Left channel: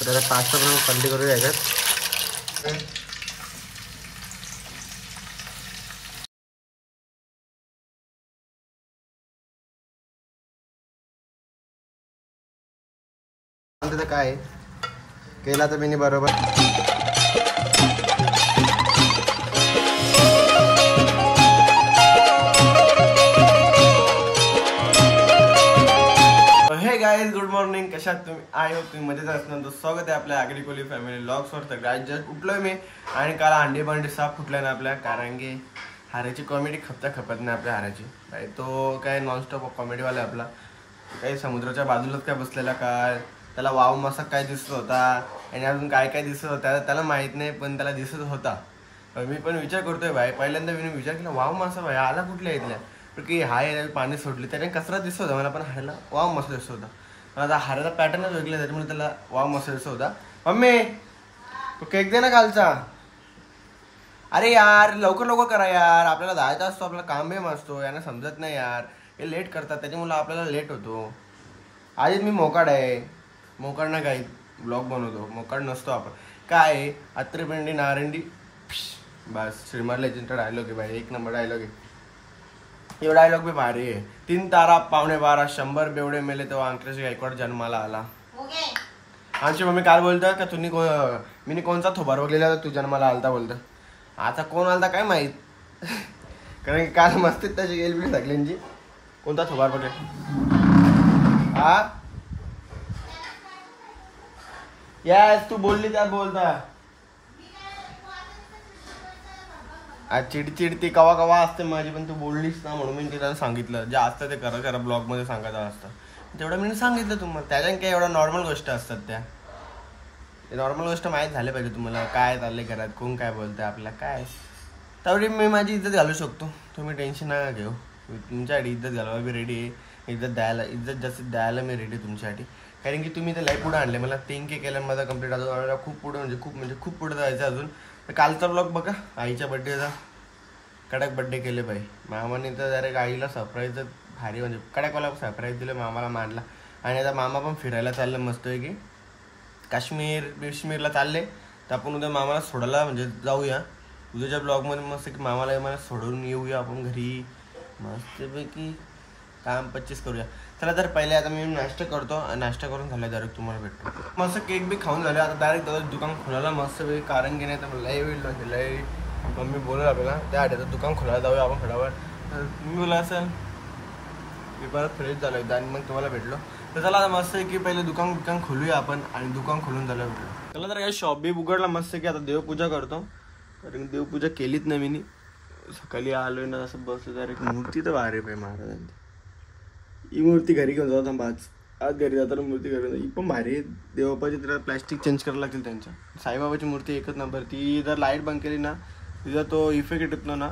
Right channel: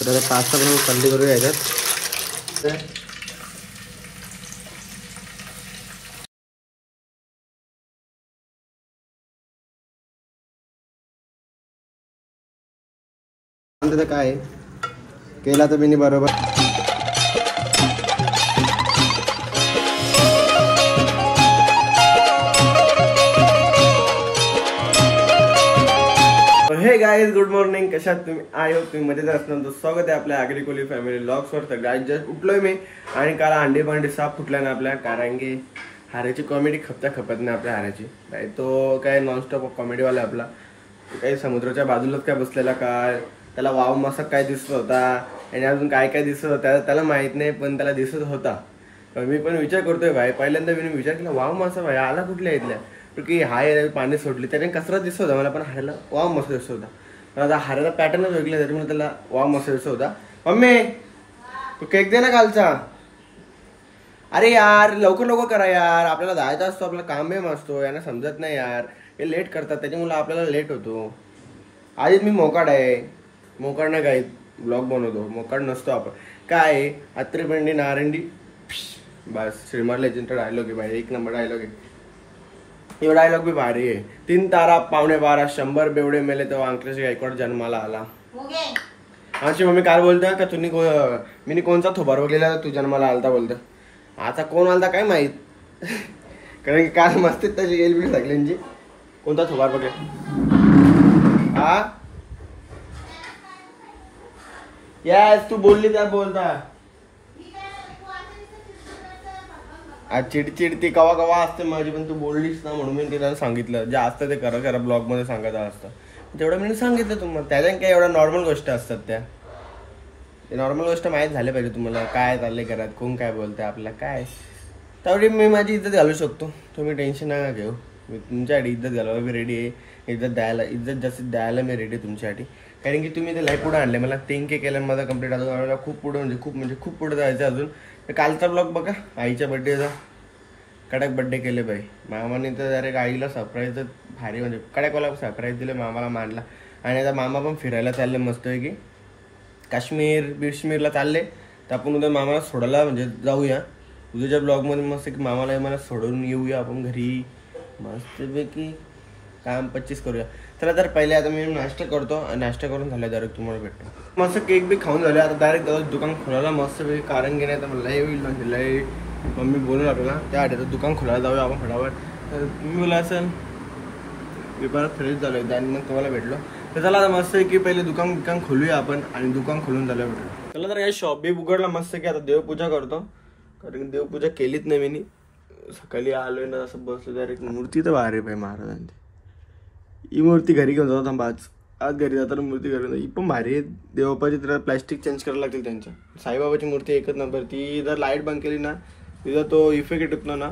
तर आता पास्ता बनवून थंडी करूया याच्यात. त्याचं काय केला तर मी बरोबर. हे गाइस गुड मॉर्निंग, कशात तुम्ही? आय होप तुम्ही मजेत असणार. तो स्वागत आहे आपल्या आगरी फॅमिली व्लॉग्सवर. तर गाइस जस्ट उठलोय मी आणि काल अंडे भांडे साफ फुटलाय ना आपल्या, कारण की हाऱ्याची कॉमेडी खपत नाही आपल्या हाऱ्याची. काय तो काय नॉनस्टॉप कॉमेडीवाला आपला. काही समुद्राच्या बाजूलाच काय बसलेला, काय त्याला वाव मासा काय दिसत होता आणि अजून काय काय दिसत होता त्याला माहित नाही, पण त्याला दिसत होता. पण मी पण विचार करतोय भाई, पहिल्यांदा मी विचार केला वाव मासा भाई आला कुठल्या इथल्या, की हाय पाणी सोडली त्याने कसरा दिसत होता मला, पण हाऱ्याला वाव मस्त दिसत होता. पण आता हाऱ्याला पॅटर्नच वेगळा त्याच्यामुळे त्याला वाव मस्त दिसत होता. मम्मी तू केक दे ना कालचा. अरे यार लवकर लवकर करा यार, आपल्याला जायचा असतो, आपला काम बेम असतो, यांना समजत नाही यार, हे लेट करतात त्याच्यामुळे आपल्याला लेट होतो. आधीच मी मोकाड आहे, मोकाड ना काय ब्लॉग बनवतो, मोकाड नसतो आपण. काय अत्रे पेंडी नारंडी बस श्रीमार लेजेंडचा डायलॉग आहे भाई, एक नंबर डायलॉग आहे. ये डायलॉग भी भारी आहे. 3 तारा पावणे 12 100 बेवडे मेले तेव्हा अंकलेश गायकवाड जन्माला आला. आमची मम्मी काल बोलता का तुम्ही मी कोणचा थोबार बघलेला तू जन्माला आलता बोलता. आता कोण आलता काय माहित, कारण की काल मस्त त्याची गेली बी सगळ्यांची. कोणता थोबार बघे हा यास तू बोलली त्या बोलता. आज चिडचिड ती कवा कवा असते माझी, पण तू बोललीस ना म्हणून मी तिला सांगितलं. जे असतं ते करा ब्लॉग मध्ये सांगायचं असतं तेवढं मी सांगितलं तुम्हाला. त्याच्या काय एवढ्या नॉर्मल गोष्टी असतात त्या, ते नॉर्मल गोष्ट माहीत झाले पाहिजे तुम्हाला. काय चाललंय घरात, कोण काय बोलतंय आपल्याला, काय तेवढी मी माझी इज्जत घालू शकतो. तुम्ही टेन्शन नका घेऊ, मी तुमच्यासाठी इज्जत घालायला मी रेडी आहे. इज्जत जास्त द्यायला मी रेडी तुमच्यासाठी, कारण की तुम्ही ते लाईफ पुढे आणले. मला 3K केलं माझा कंप्लीट. आता खूप पुढे म्हणजे खूप पुढे जायचं अजून. तर कालचा ब्लॉग बघा, आईच्या बड्डेचा कडक बड्डे केले बाई मामाने. तर डायरेक्ट आईला सरप्राईज भारी, म्हणजे कडकवाला सरप्राईज दिलं, मामाला मांडला. आणि आता मामा पण फिरायला चालले मस्त आहे की काश्मीरला चालले. तर आपण उद्या मामाला सोडायला म्हणजे जाऊया. उद्याच्या ब्लॉगमध्ये मस्त की मामाला सोडून येऊया आपण घरी मस्तपैकी. काम 25 करूया. चला तर पहिले आता मी नाश्ता करतो, नाश्ता करून झालं डायरेक्ट तुम्हाला भेटतो. मस्त केक बी खाऊन झाले. आता डायरेक्ट दुकान खोलायला मस्त पैकी, कारण की नाही तर मला मम्मी बोलून आपल्याला त्या आठवतं दुकान खोलायला जाऊया आपण फटाफट. तर मी बोला असेल मी परत फ्रेश झालो एकदा आणि मग तुम्हाला भेटलो. तर चला आता मस्त की पहिले दुकान खोलूया आपण, आणि दुकान खोलून झालं भेटलो. चला तर काही शॉप बी उघडला मस्त की. आता देवपूजा करतो, कारण की देवपूजा केलीच नाही मी. सकाळी आलोय ना असं बसलो, डायरेक्ट मूर्ती तर भारी पाहिजे महाराजांची. ही मूर्ती घरी घेऊन जातो थांबा, आज घरी जाताना मूर्ती घरी. ही पण भारी आहे देवबापाची. त्याला प्लॅस्टिक चेंज करायला लागतील त्यांच्या. साईबाबाची मूर्ती एकच नंबर. ती जर लाईट बंद केली ना तिथं तो इफेक्ट येतो ना,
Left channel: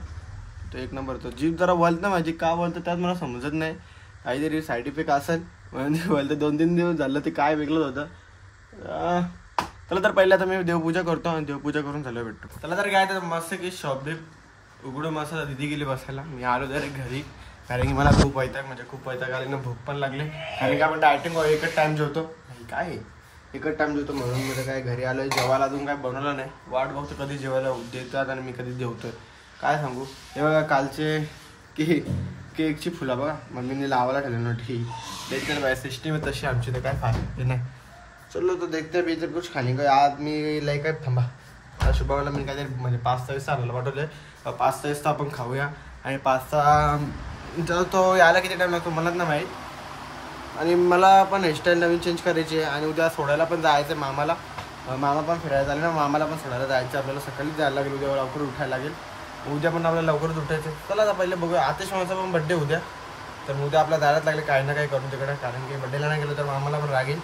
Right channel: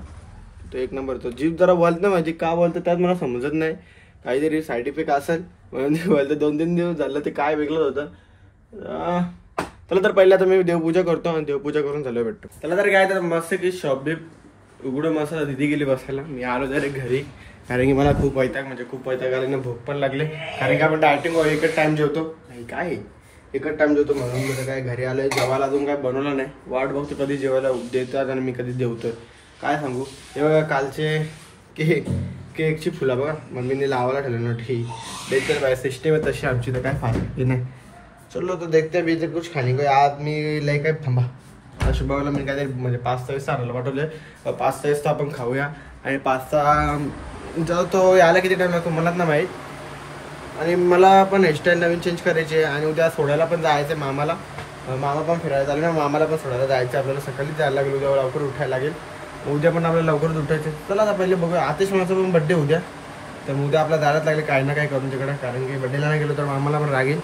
तो एक नंबर. तो जीप जरा बोलत ना माझी, का बोलतं त्यात मला समजत नाही, काहीतरी साईड इफेक्ट असेल म्हणजे बोलतं. 2-3 दिवस झालं ते काय वेगळं होतं. चला तर पहिले आता मी देवपूजा करतो आणि देवपूजा करून झालं भेटतो. चला तर काय तर मस्त की शॉप बीप उघडून मस्त दिदी गेली बसायला. मी आलो डायरेक्ट घरी, कारण की मला खूप वैताग आले ना, भूक पण लागले. कारण की आपण डायटिंग एकच टाइम जेवतो, काय एकच टाइम जेवतो म्हणून मी काय घरी आलोय. जेवायला अजून काय बनवलं नाही, वाट बघतो कधी जेवायला देतात आणि मी कधी जेवतोय. काय सांगू, हे बघा कालचे केकची फुलं बघा मम्मीने लावायला ठेवले नोटी देते बाय सिस्टम आहे तशी आमची. तर काय फायदा नाही. चलो तो देखते बीजे कुछ खाने को. आज मी लाईक आहे थांबा शुभाला मी काहीतरी म्हणजे 5-6 वाजता आणायला पाठवले. 5-6 वाजता आपण खाऊया. आणि 5 जर तो यायला किती टाइम लागतो मलाच ना माहीत. आणि मला पण हेअरस्टाईल नवीन चेंज करायची आहे. आणि उद्या सोडायला पण जायचं आहे मामाला. मामा पण फिरायला चालले ना, मामाला पण सोडायला जायचं. आपल्याला सकाळी जायला लागेल, उद्या लवकर उठायला लागेल. उद्या पण आपल्याला लवकरच उठायचं. चला आता पहिले बघूया. आतिश माझा पण बड्डे उद्या, तर उद्या आपल्याला जायलाच लागले काय ना काय करून तिकडे, कारण की बड्डेला नाही गेलो तर मामाला पण रागेल.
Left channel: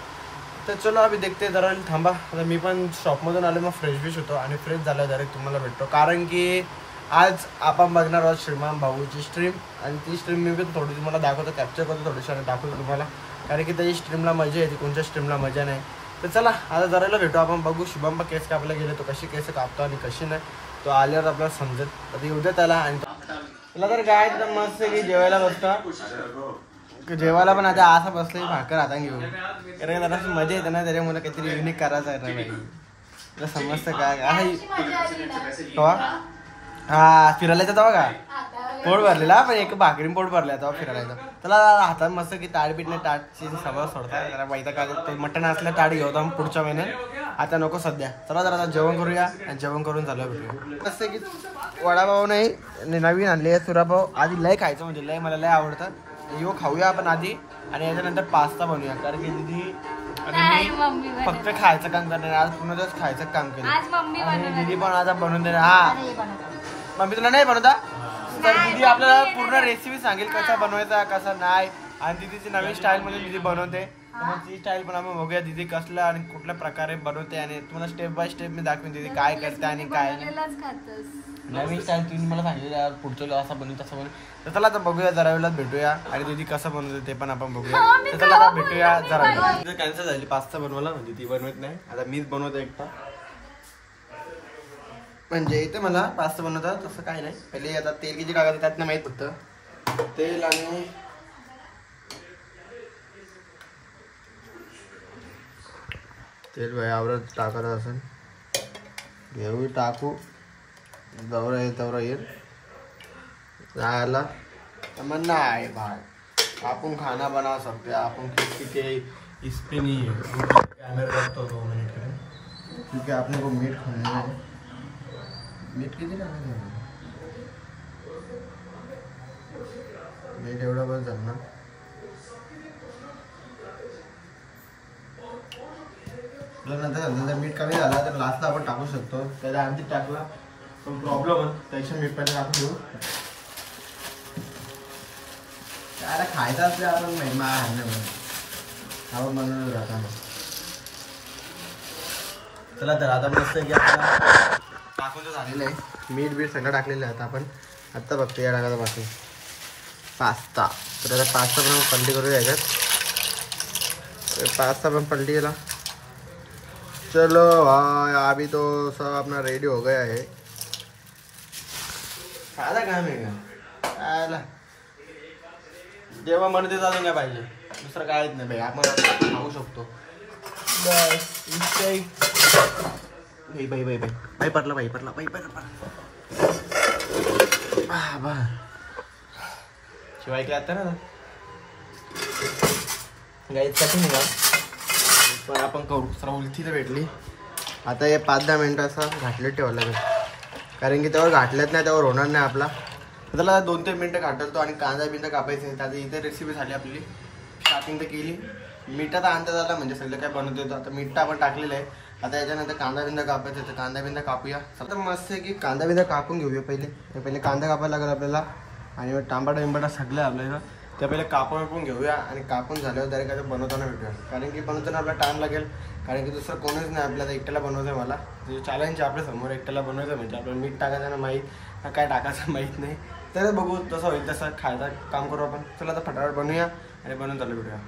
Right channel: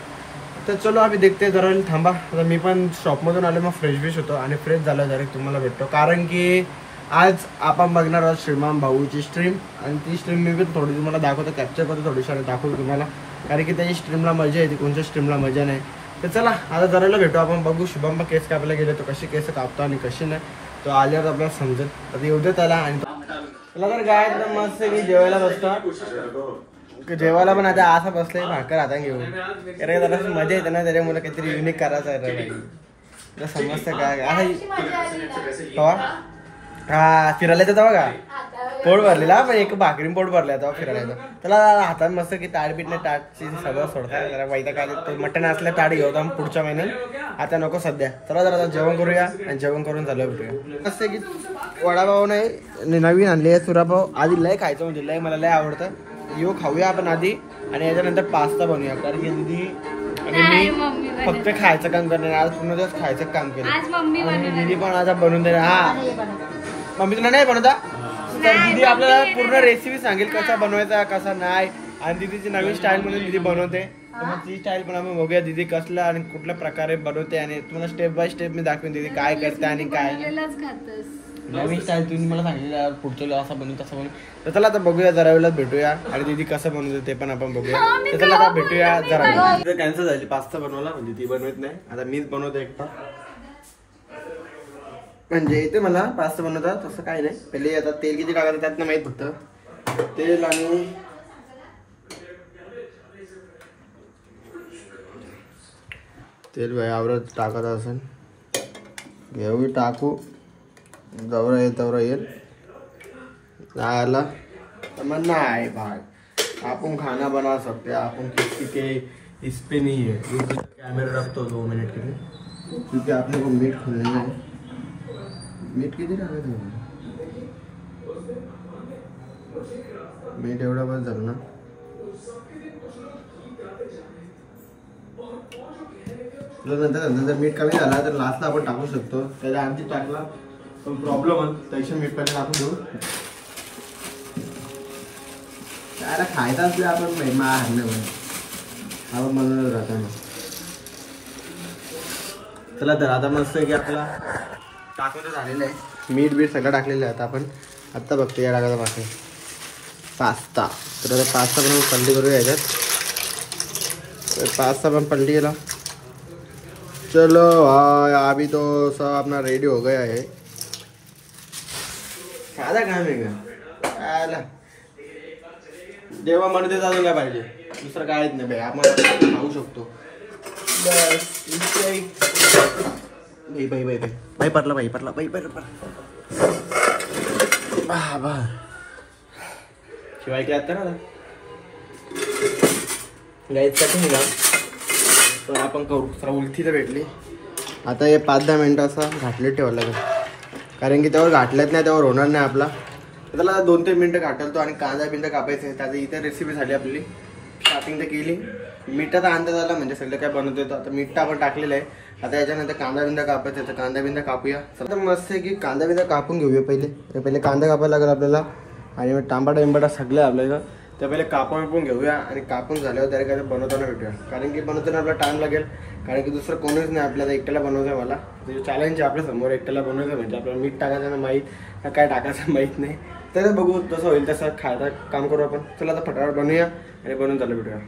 तर चलो आम्ही देखते जरा थांबा. तर मी पण शॉपमधून आलो, मग फ्रेश होतो आणि फ्रेश झालो डायरेक्ट तुम्हाला भेटतो. कारण की आज आपण बघणार आहोत श्रीमान भाऊची स्ट्रीम, आणि ती स्ट्रीम मी पण थोडी तुम्हाला दाखवतो, कॅप्चर करतो, थोडीशी दाखवतो तुम्हाला, कारण की त्याची स्ट्रीमला मजा येते, कोणत्या स्ट्रीमला मजा नाही. तर चला आता जरायला भेटू आपण. बघू शुभमला केस कापायला गेले तो कशी केस कापतो आणि कशी नाही, तो आल्यावर आपल्याला समजत. आता येऊ दे त्याला. आणि चला तर काय मस्त मी जेवायला बसतो. जेवायला पण आता असं बसलंय भाकर आता घेऊ अरे जरा मजा येते ना त्याच्यामुळे काहीतरी युनिक करायचं आहे रे समजतं काय हा फिरायला येतं बघा पोट भरलेला पण एक भाकरी पोट भरला तेव्हा फिरायला येतो त्याला हातात मस्त की ताट नाही ताटची सवय सोडताय जरा वैता काय ते मटण असलं ताट घेऊ आम्ही पुढच्या महिन्यात आता नको सध्या चला जरा जेवण करूया आणि जेवण करून झालं भेटूया कसं की वडापाव नाही नवीन आणली आहे सुरापाव आधी लय खायचं म्हणजे लय मला लय आवडतं येऊ खाऊया आपण आधी आणि याच्यानंतर पास्ता बनवूया कारण की दीदी आणि मी फक्त खायचं काम करणार आज पूर्ण दिवस खायचं काम केलं दीदी पण आता बनवून देणार हा मम्मी तुला नाही बनवता तर दीदी आपल्याला पूर्ण रेसिपी सांगेल कसा बनवायचा कसा नाही आणि दीदीची नवीन स्टाईल म्हणून दीदी बनवते तर मग ती स्टाईल पण आपण बघूया दीदी कसला आणि कुठल्या प्रकारे बनवते आणि तुम्हाला स्टेप बाय स्टेप मी दाखवेन दीदी काय करते आणि काय नवीन स्टाईल तुम्ही मला सांगितलं पुढचं असं बनवून तसं बनवून तर चला आता बघूया जरा वेळेला भेटूया आणि दीदी कसं बनवते ते पण आपण बघूया तर चला आता भेटूया जरा वेळ कॅन्सल झाली पास्ता बनवला म्हणजे ती बनवत नाही आता मीच बनवते एकटा म्हणजे इथे मला पास्ता बनवता तसं काय नाही पहिले आता तेल किती टाकायचं त्यात नाही माहित फक्त तेल आणि तेल आवरत टाकत असेल घेऊ टाकू जवळ येईल तेवढं येईल आला तर मग नाही भाग आपण खाना बनवा सकते आपण किसी के इस पे नहीं है कैमरा रखतो 2 मिनट के लिए क्योंकि आपने को मीट खोलना है मीट किती टाकायचं मीट एवढा बस झालं ना नंतर मीठ कमी झाला तर लास्टला आपण टाकू शकतो त्याच्या आणखी टाकला पण प्रॉब्लेम पैसे मीठ पण टाकून देऊ त्याला खायचं असलं आपण महिमा हरणे आपण बनवलं राहताना चला तर आता मस्त की आपल्याला टाकून झालेलं आहे मीठ बीठ सगळं टाकलेलं आहे आता आपण आत्ता बघतो या टाकायचं पासून पास्ता तर आता पास्ता पण पलटी करूया याच्यात तर पास्ता पण पलटी केला चलो भाई अभी तो सब अपना रेडी हो गया है साधा काम आहे का जेव्हा म्हणते अजून काय पाहिजे दुसरं काहीच नाही भाई आपण खाऊ शकतो बाई पडला बा शिवाय काय आता ना गायचं का पण आपण करू सर उलथी तर भेटली आता हे 5-10 मिनटं असं घाटलं ठेवायला लागेल कारण की तेव्हा घाटलंच नाही तेव्हा होणार नाही आपला त्याला 2-3 मिनटं घाटलतो आणि कांदा बिंदा कापायचे त्याचं इतर रेसिपी झाली आपली स्टार्टिंग तर केली मिठाचा अंदाज आला म्हणजे सगळं काय बनवतो होतं आता मिठा आपण टाकलेलं आहे आता याच्यानंतर कांदा बिंदा कापायचा तर कांदा बिंदा कापूया तर मस्त आहे की कांदा बिंदा कापून घेऊया पहिले कांदा कापायला लागेल आपल्याला आणि मग टांबाटा सगळं आपल्याला ते पहिले कापून घेऊया आणि कापून झाल्यावर डायरेक्ट आता बनवताना भेटूया कारण की बनवताना आपला टाइम लागेल कारण की दुसरं कोणीच नाही आपल्याला एकट्याला बनवायचं आहे मला ते चॅलेंज आहे आपल्या समोर एकट्याला बनवायचं म्हणजे आपल्याला मीठ टाकायचं ना माहीत काय टाकायचं माहीत नाही तर बघू तसं होईल तसं खायचं काम करू आपण चला आता फटाफट बनवूया आणि बनवून चालू भेटूया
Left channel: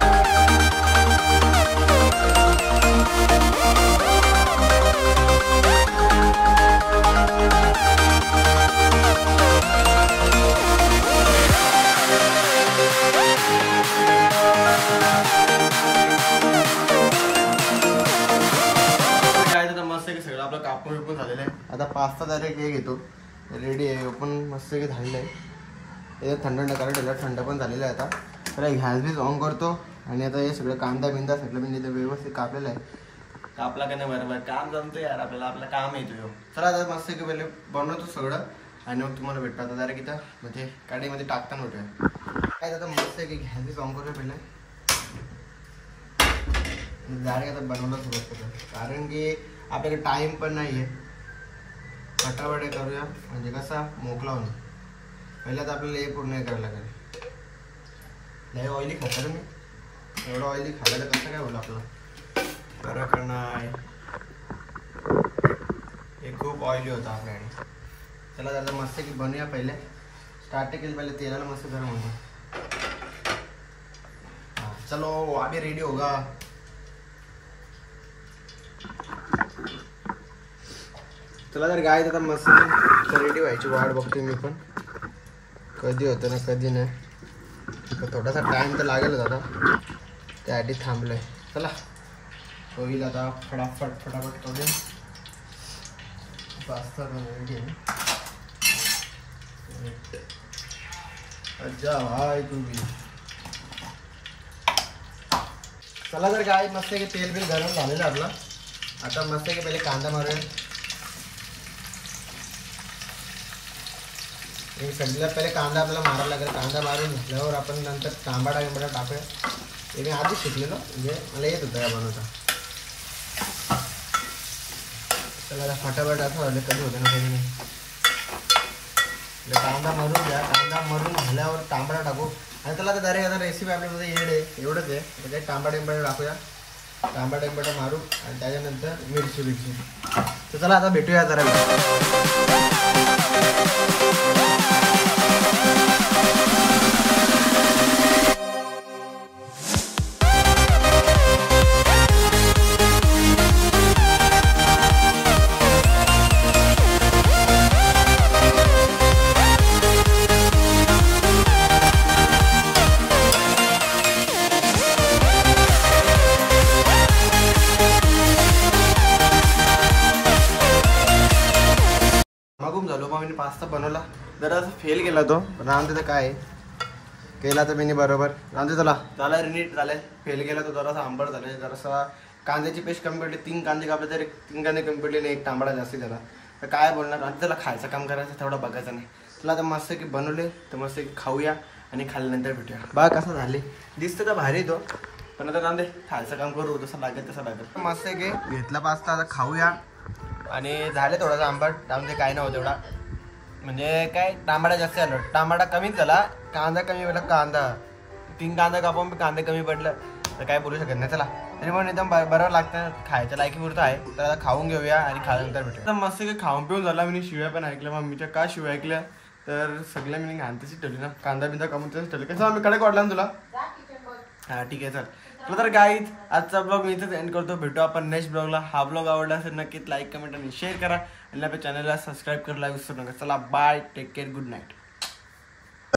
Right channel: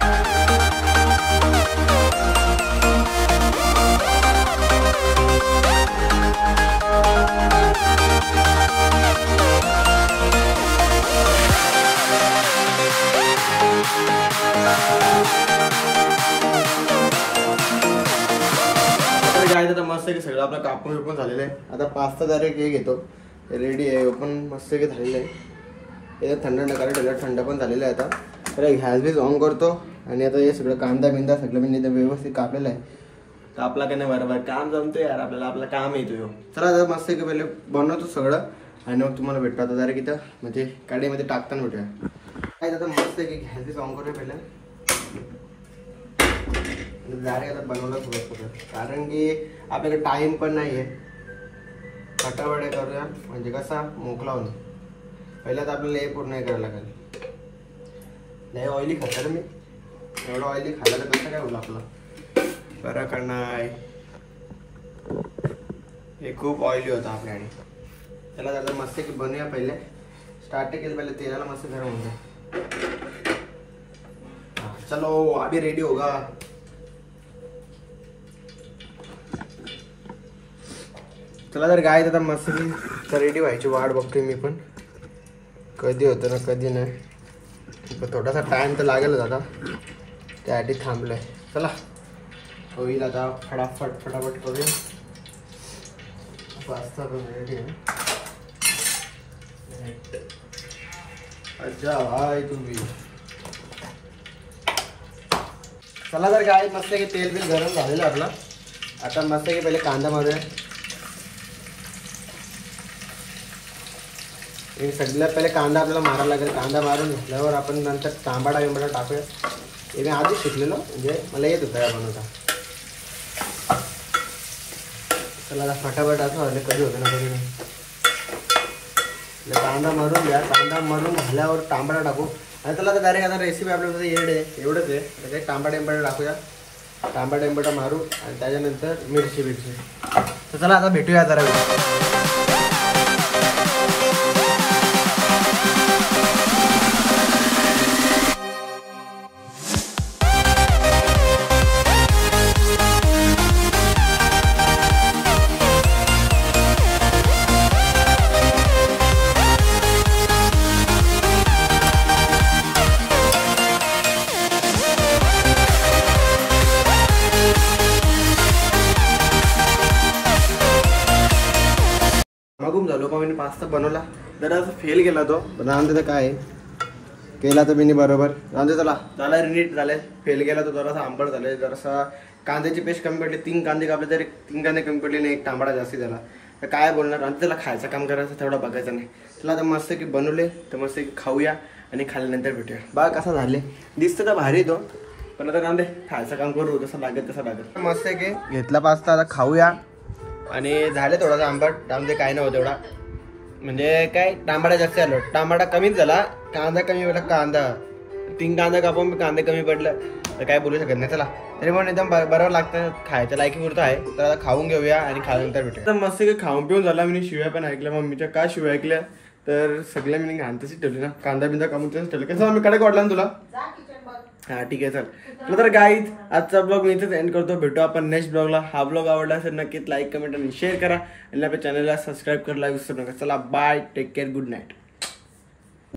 मस्त की सगळं आपलं कापून विपून झालेलं आहे आता पास्ता डायरेक्ट हे घेतो रेडी आहे पण मस्त की झालेलं आहे याच्यात थंड नका ठेवलं थंड पण झालेलं आहे आता तर गॅस बीस ऑन करतो आणि आता हे सगळं कांदा बिंदा सगळं म्हणजे व्यवस्थित कापलेलं आहे कापला का नाही बरोबर काम जमतं यार आपल्याला आपलं काम येतो चला आता मस्त की पहिले बनवतो सगळं आणि मग तुम्हाला भेटतो आता डायरेक्ट इथं म्हणजे कढईमध्ये टाकताना भेटूया काय आता मस्त की गॅस बीस ऑन करूया पहिले डायरेक्ट आता बनवलं थोडं कारण की आपल्याकडे टाइम पण नाही आहे फटाफट करूया म्हणजे कसा मोकळा होईल पहिल्या तर आपल्याला हे पूर्ण करायला लागेल लय ऑइली खाता मी एवढं ऑइली खायला तर कसं काय होईल आपलं बरं का नाही हे खूप ऑइली होतं आपल्याकडे त्याला जरा मस्त की बनवूया पहिले स्टार्ट केलं पहिले तेलाला मस्त गरम होतं चलो अभी रेडी होगा चला तर काय तर मस्त रेडी व्हायची वाट बघतोय मी पण कधी होतं ना कधी नाही थोडासा टाइम तर लागेल आता, त्यासाठी थांबलोय. चला होईल आता, फटाफट करूया. पास्ता बनवले अच्छा हाय तुम्ही. चला तर काय मस्त की तेल बिल गरम झालेलं आपला. आता मस्त की पहिले कांदा मारूया. सगळ्यात पहिले कांदा आपल्याला मारायला लागेल. कांदा मारून घेतल्यावर आपण नंतर तांबडा गिंबडा टाकूया. हे मी आधीच शिकलेलो, म्हणजे मला येत होतं या बनवता. चला फटाफट असं व्हायला कधी होतं ना कधी नाही. कांदा मारून द्या. कांदा मारून झाल्यावर तांबडा टाकू. आणि त्याला तर डायरेक्ट आता रेसिपी आपल्याला येड आहे, एवढंच आहे. म्हणजे तांबडा एंबडा टाकूया. तांबडा एंबडा मारू आणि त्याच्यानंतर मिरची. तर चला आता भेटूया जरा. मागून झालो पण मी पास्ता बनवला. जरा असं फेल गेला तो, पण रामते काय केला तर मी बरोबर. रामते त्याला नीट झाले. फेल गेला तो, जरासा आंबट झाले. जरासा कांद्याची पेस्ट कमी पडली. 3 कांदे कापले तरी 3 कांदे कमी पडले नाही. एक तांबडा जास्ती झाला. तर काय बोलणार. आणि त्याला खायचं काम करायचं, तेवढा बघायचं नाही. त्याला आता मस्त की बनवले तर मस्त की खाऊया आणि खाल्ल्यानंतर भेटूया. बघा कसा झाले, दिसतं तर भारी तो. पण आता कांदे खायचं काम करू, जसं लागेल तसं लागेल. मस्त की घेतला पास्ता, आता खाऊया. आणि झाले थोडासा आंबट. त्यामध्ये काय नव्हतं एवढा, म्हणजे काय तांबडा जास्त आलो. तांबडा कमीच झाला, कांदा कमी पडला. कांदा 3 कांदा कापून कांदे कमी पडलं तर काय बोलू शकत नाही. चला तरी पण एकदम बरोबर लागतं, खायच्या लायकी पुरतं आहे. तर खाऊन घेऊया आणि खाल्यानंतर भेटूया. मस्त काही खाऊन पिऊन झाला. मी शिव्या पण ऐकल्या मम्मीच्या. का शिव्या ऐकल्या तर सगळ्या मी घाण तशीच ठेवली ना. कांदा बिंदा कापून तसंच ठेवलं. कसं मी कडक वाटला ना तुला. हा ठीक आहे चल. तर गाईज आजचा ब्लॉग मी इथेच एंड करतो. भेटू आपण नेक्स्ट ब्लॉगला. हा ब्लॉग आवडला असेल नक्कीच लाईक कमेंट आणि शेअर करा. आणि आपल्या चॅनलला सबस्क्राईब करायला विसरू नका. चला bye, take care, good night.